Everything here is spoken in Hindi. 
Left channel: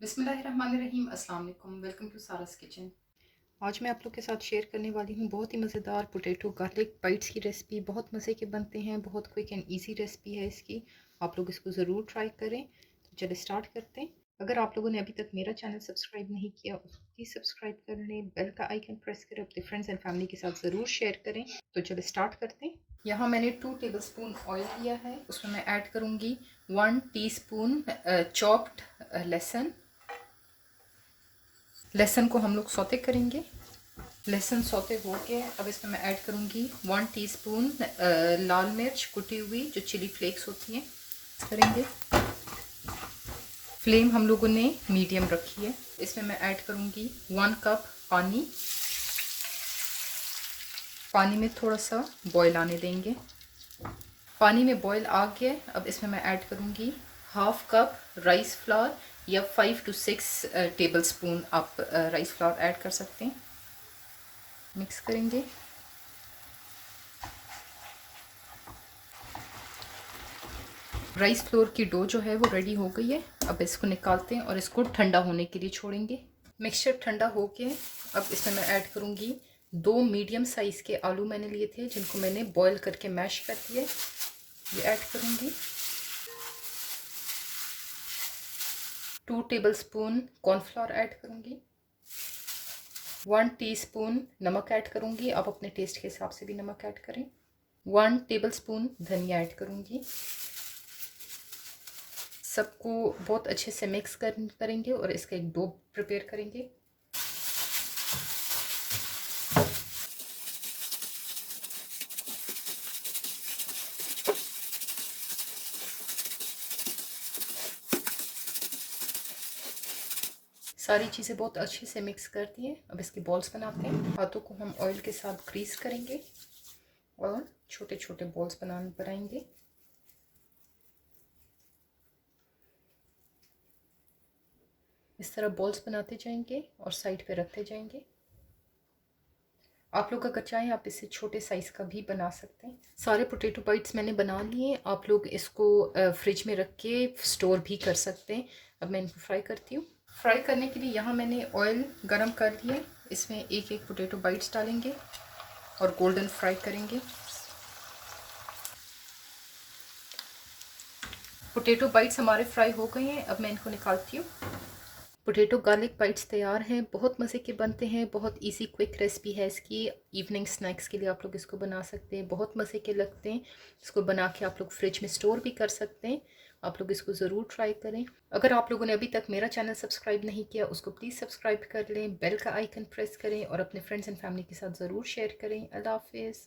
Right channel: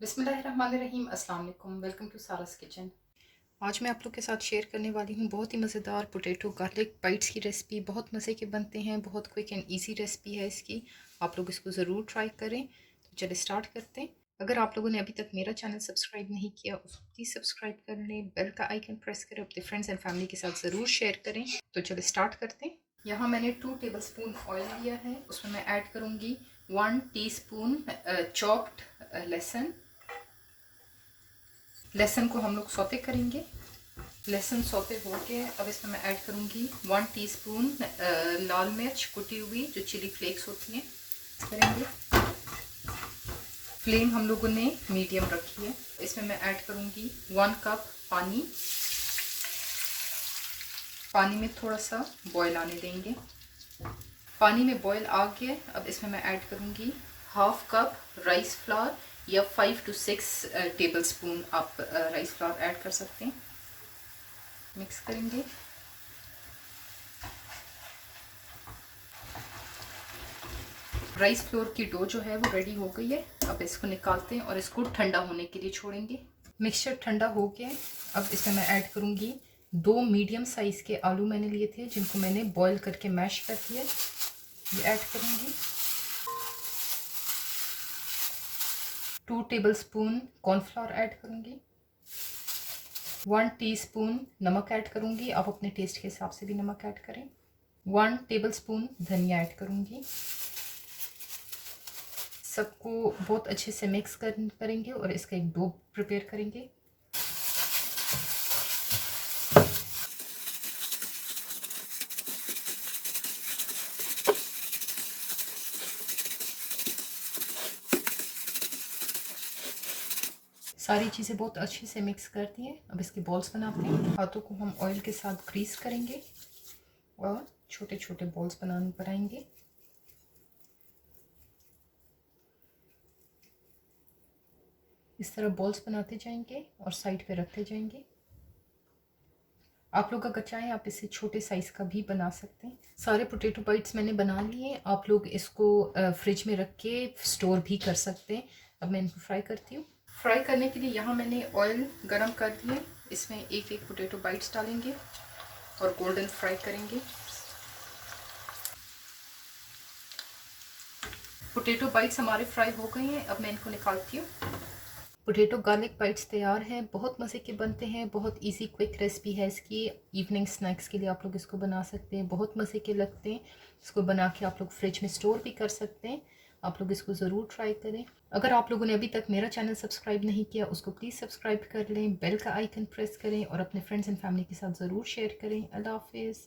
बिस्मिल्लाहिर्रहमानिर्रहीम। अस्सलाम वालेकुम। Welcome to Sara's kitchen. आज मैं आप लोग के साथ शेयर करने वाली हूँ बहुत ही मज़ेदार पोटैटो गार्लिक बाइट्स की रेसिपी। बहुत मज़े के बनते हैं, बहुत क्विक एंड इजी रेसिपी है इसकी। आप लोग इसको ज़रूर ट्राई करें। तो चलिए स्टार्ट करते हैं। अगर आप लोगों ने अभी तक मेरा चैनल सब्सक्राइब नहीं किया उसको प्लीज़ सब्सक्राइब कर लें, बेल का आइकन प्रेस करें, अपने फ्रेंड्स एंड फैमिली के साथ ज़रूर शेयर करें। तो चलिए स्टार्ट करते हैं। यहाँ मैंने 2 टेबलस्पून ऑयल लिया है, उसमें मैं ऐड करूँगी 1 टीस्पून चॉप्ड लहसुन। लहसुन को हम लोग सौते करेंगे। लहसुन सौते हो के अब इसमें मैं ऐड करूँगी 1 टीस्पून लाल मिर्च कुटी हुई, जो चिली फ्लेक्स होती हैं, करेंगे। फ्लेम हम लोगों ने मीडियम रखी है। इसमें मैं ऐड करूँगी 1 कप पानी। पानी में थोड़ा सा बॉयल आने देंगे। पानी में बॉयल आ गया। अब इसमें मैं ऐड करूँगी हाफ कप राइस फ्लावर या 5 to 6 टेबल स्पून आप राइस फ्लावर ऐड कर सकते हैं। मिक्स करेंगे। राइस फ्लोर की डो जो है वो रेडी हो गई है। अब इसको निकालते हैं और इसको ठंडा होने के लिए छोड़ेंगे। मिक्सचर ठंडा हो गया। अब इसमें मैं ऐड करूँगी 2 मीडियम साइज़ के आलू मैंने लिए थे, जिनको मैंने बॉईल करके मैश कर दिया। ये ऐड करूँगी। 2 टेबलस्पून कॉर्नफ्लोर ऐड करूँगी। 1 टीस्पून नमक ऐड करूँगी। आप अपने टेस्ट के हिसाब से भी नमक ऐड करें। 1 टेबलस्पून धनिया ऐड करूँगी। सबको बहुत अच्छे से मिक्स करेंगे और इसका एक डो प्रिपेयर करेंगे। सारी चीज़ें बहुत अच्छे से मिक्स कर दी हैं। अब इसके बॉल्स बनाते हैं। हाथों को हम ऑयल के साथ ग्रीस करेंगे और छोटे छोटे बॉल्स बनाएंगे। इस तरह बॉल्स बनाते जाएंगे और साइड पे रखते जाएंगे। आप लोग अगर चाहें आप इससे छोटे साइज़ का भी बना सकते हैं। सारे पोटैटो बाइट्स मैंने बना लिए। आप लोग इसको फ्रिज में रख के स्टोर भी कर सकते हैं। अब मैं इनको फ्राई करती हूँ। फ्राई करने के लिए यहाँ मैंने ऑयल गरम कर दिया। इसमें एक एक पोटैटो बाइट्स डालेंगे और गोल्डन फ्राई करेंगे। पोटैटो बाइट्स हमारे फ्राई हो गए हैं। अब मैं इनको निकालती हूँ। पोटैटो गार्लिक बाइट्स तैयार हैं। बहुत मज़े के बनते हैं, बहुत इजी क्विक रेसिपी है इसकी। इवनिंग स्नैक्स के लिए आप लोग इसको बना सकते हैं, बहुत मज़े के लगते हैं। इसको बना के आप लोग फ्रिज में स्टोर भी कर सकते हैं। आप लोग इसको ज़रूर ट्राई करें। अगर आप लोगों ने अभी तक मेरा चैनल सब्सक्राइब नहीं किया उसको प्लीज़ सब्सक्राइब कर लें, बेल का आइकन प्रेस करें और अपने फ्रेंड्स एंड फैमिली के साथ ज़रूर शेयर करें। अल्लाह हाफिज़।